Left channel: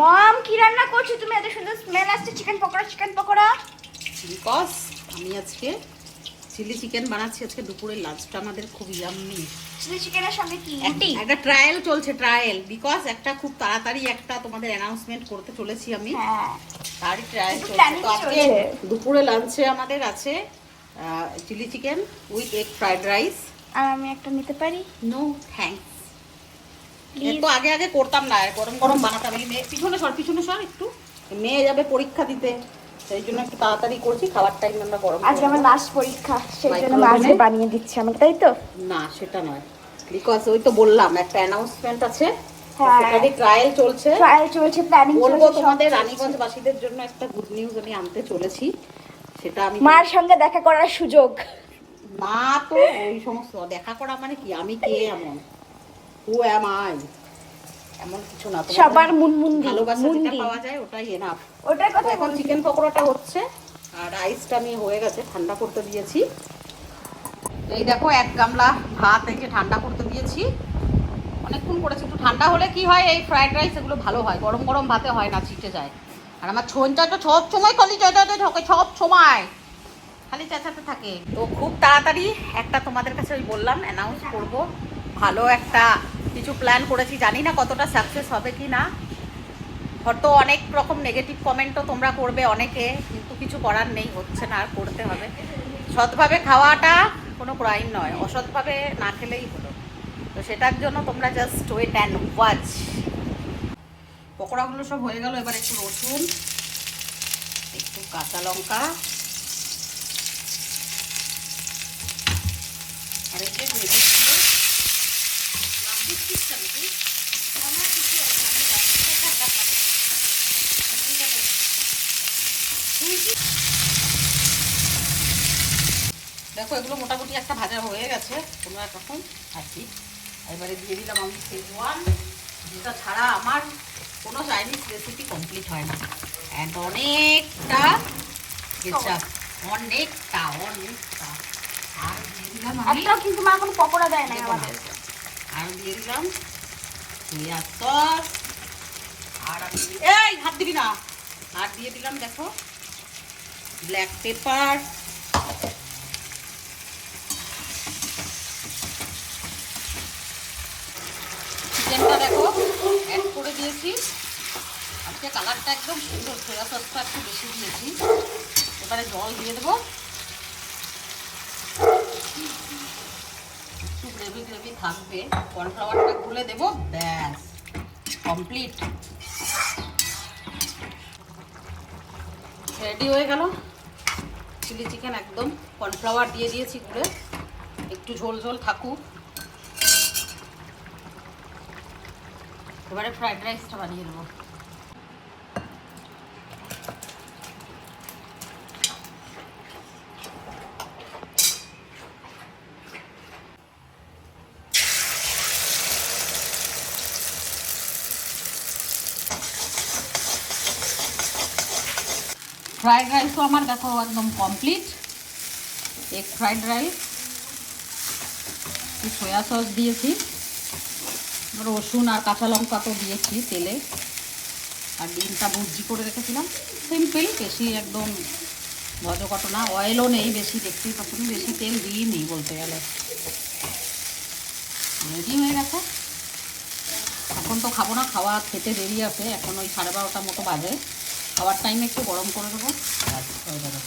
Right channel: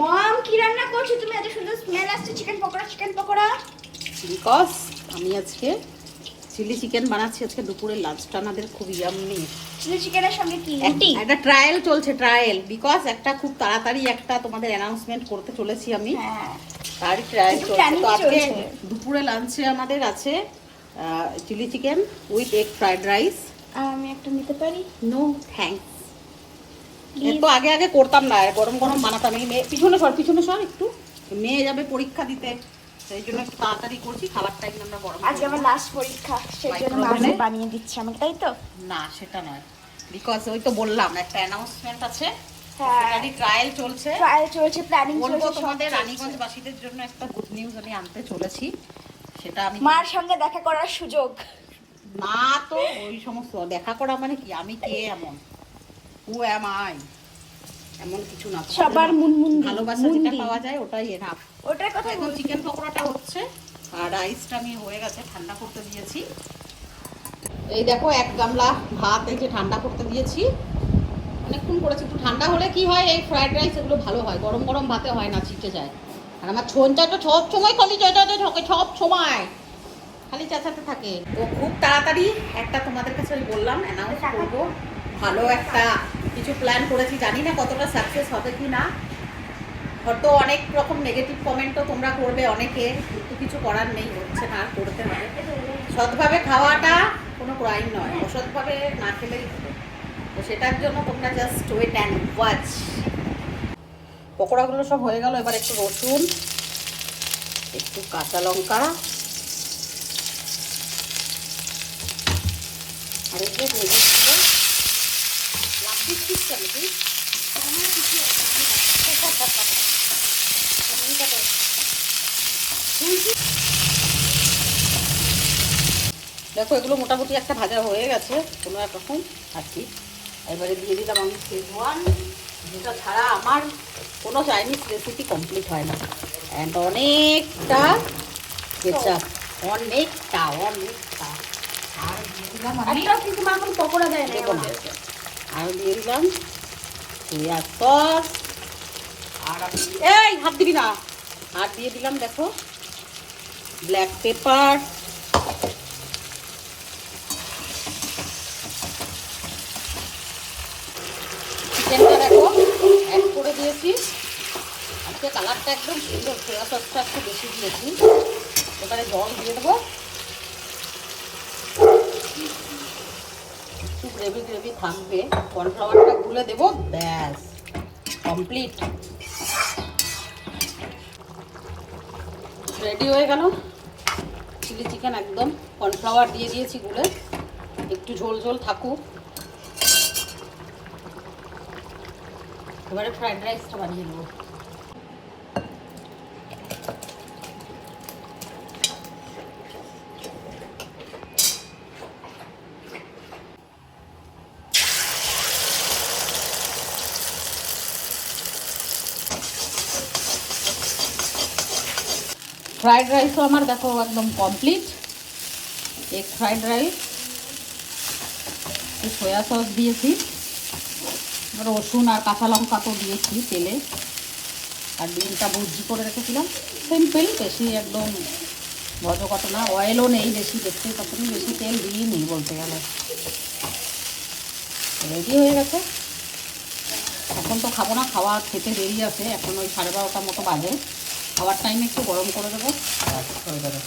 মম কি রান্না করছ তুমি? এত সুন্দর স্মেল আসছে chicken pakora chicken pakora. Because আমি আজকে চিলি চিকেন বানাচ্ছি আজকে দুপুরের লাঞ্চটা আমাদের খুব ইয়াম্মি চিলি চিকেনের সঙ্গে কি? একটা ট্রায়াল চলছে ট্রায়াল বিকজ একটা খুব তাড়াতাড়ি একটা তোমাদের অ্যানাউন্সমেন্ট করতে চলেছি আমি। হ্যাঁ। তার ট্রায়াল চলছে। দুপুরে লাঞ্চে আমাদের আছে chilli chicken with egg fried rice আর আমি একটা নিতে পারি? নো থ্যাঙ্কস তো আগে আগে করতাম না গরম গরম বানাতাম এই মেয়ে পিছনে সর পিছনে সর একটু। মেয়ে যাবে পরীক্ষা দিতে সেই জন্য একটু তাড়াতাড়ি করছি খাবার টাইম আমরা গরম আজকে আমার লাস্ট পরীক্ষা সেই জন্য বানিয়ে দিচ্ছে আমাকে তাই তো? না সেটা নয়। বিকজ ওই তো বললাম একটা অ্যানাউন্সমেন্ট আছে। সেটারই ট্রায়াল চলছে। ট্রায়াল চলছে প্ল্যানিং বলব তোমাদের রানীগঞ্জ বাসীদের জন্য একটা গুড নিউজ আমি আনতে চলেছি। সেটা আমি মার সঙ্গে দেখা করার সুযোগ। না তো ওই সমস্ত দেখা করা মানে কি? আমি কে এমন? হু অ্যাম আই এমন কিছু না সবার মুনমুন ভালোবাসা যেটা পাওয়া যায় ওটাই এনাফ ওটার কথা এখন চিকেন পকোড়াটা হচ্ছে আর রাইসটা আমি হয়ে গেছে ঠান্ডা করতে দিয়েছি। এই দেখো এক গামলা ভাত এই যে ঠান্ডা করতে দিয়েছি। অনেকক্ষণ করেছি একটু ঠান্ডা হলে কি হয় এই ফ্রাইড রাইস এগুলো ভালো হয় গরম গরম ভাতে হয় না চিটে যায়। আর আমার ছোনটা তো সব সময় খালি চেঁচাতে থাকে সব সময়। খালি চেঁচাতে থাকে। তো খুব তাড়াতাড়ি একটা তোমাদের কাছে বললাম অ্যানাউন্স করব। ভালো একটা কিছু প্ল্যান করেছি। জানি না কতটা সাকসেস হবে কি না। হয়তো অনেক রকম নেগেটিভ কমেন্টও তোমরা করবে অনেকে, কিন্তু কিছু করার নেই, হচ্ছে না, আর করতে হবে। সৎভাবে খাওয়াটা কোনো ক্রাইম নয়। অসৎভাবে না খেলেই হবে। তো সেটার জন্য তোমরা জাস্ট ওয়েট অ্যান্ড ওয়াচ পকোড়াগুলো সব হয়ে গেল, এবার একটু রসুন, একটু কাঁচা লঙ্কা আর একটু দিয়ে দিচ্ছি লাভ দিচ্ছিস আমার কিছু দেখো এগুলো মোটামুটি একটা ভাজা হয়ে গেছে। কোনো এক রকম আর কি এবারে দিয়ে দিলাম আমি শেজওয়ান যেটা ছাড়া আমার কোনো চাইনিজ রেসিপি কমপ্লিট হয় না। অ্যান্ড অনেকটা কেচাপ অনেকটা অনেকটা। আর দিয়ে দিলাম কিন্তু মা কোনো পকোড়া দেয় না। আর দিয়ে দিলাম সোয়া সস আর এই হাত দিবি না। আর দিয়ে দিলাম, দেখো। ব্ল্যাক পেপার চিকেনটা দেখো অ্যাড করে দিয়েছি। আজকে কালারটা একদম সুন্দর সোয়া সসটা একটু বেশি দিয়েছি। এবারে জল দিয়ে দেবো। একটু গ্রেভি গ্রেভি থাকবে কর্নফ্লাওয়ারটা গুলে দেবো, ব্যাস কমপ্লিট রেডি হয়ে গেল? চিলি চিকেন একদম কর্নফ্লাওয়ার দিয়ে দিয়েছি গুলে। একটু ঝোল ঝোল থাকুক। এবারে ফ্রাইড রাইসটা বানিয়ে নেব। ফ্রাইড রাইসও আমার দেখো একদম complete egg fried rice soya sauce দিয়েছি। রসুন আর কাঁচা লঙ্কা তো দিয়েছি তেলে। আর ডিমটা ভুজি করে রেখেছিলাম। সিম্পল বেশি একদম ভজকট না। অয়েলও নেই বেশি, দেখতে তখন বেশি তেল দিয়ে নেই বলতে গেলে। রেডি হয়ে গেছে। এখন তো খাব না, খাওয়া খেতে দেরি আছে। এখন ওই সাড়ে বারোটার মতো বাজে। খাওয়ার টাইমে একটু গরম করে দেবো। হয়ে যাবে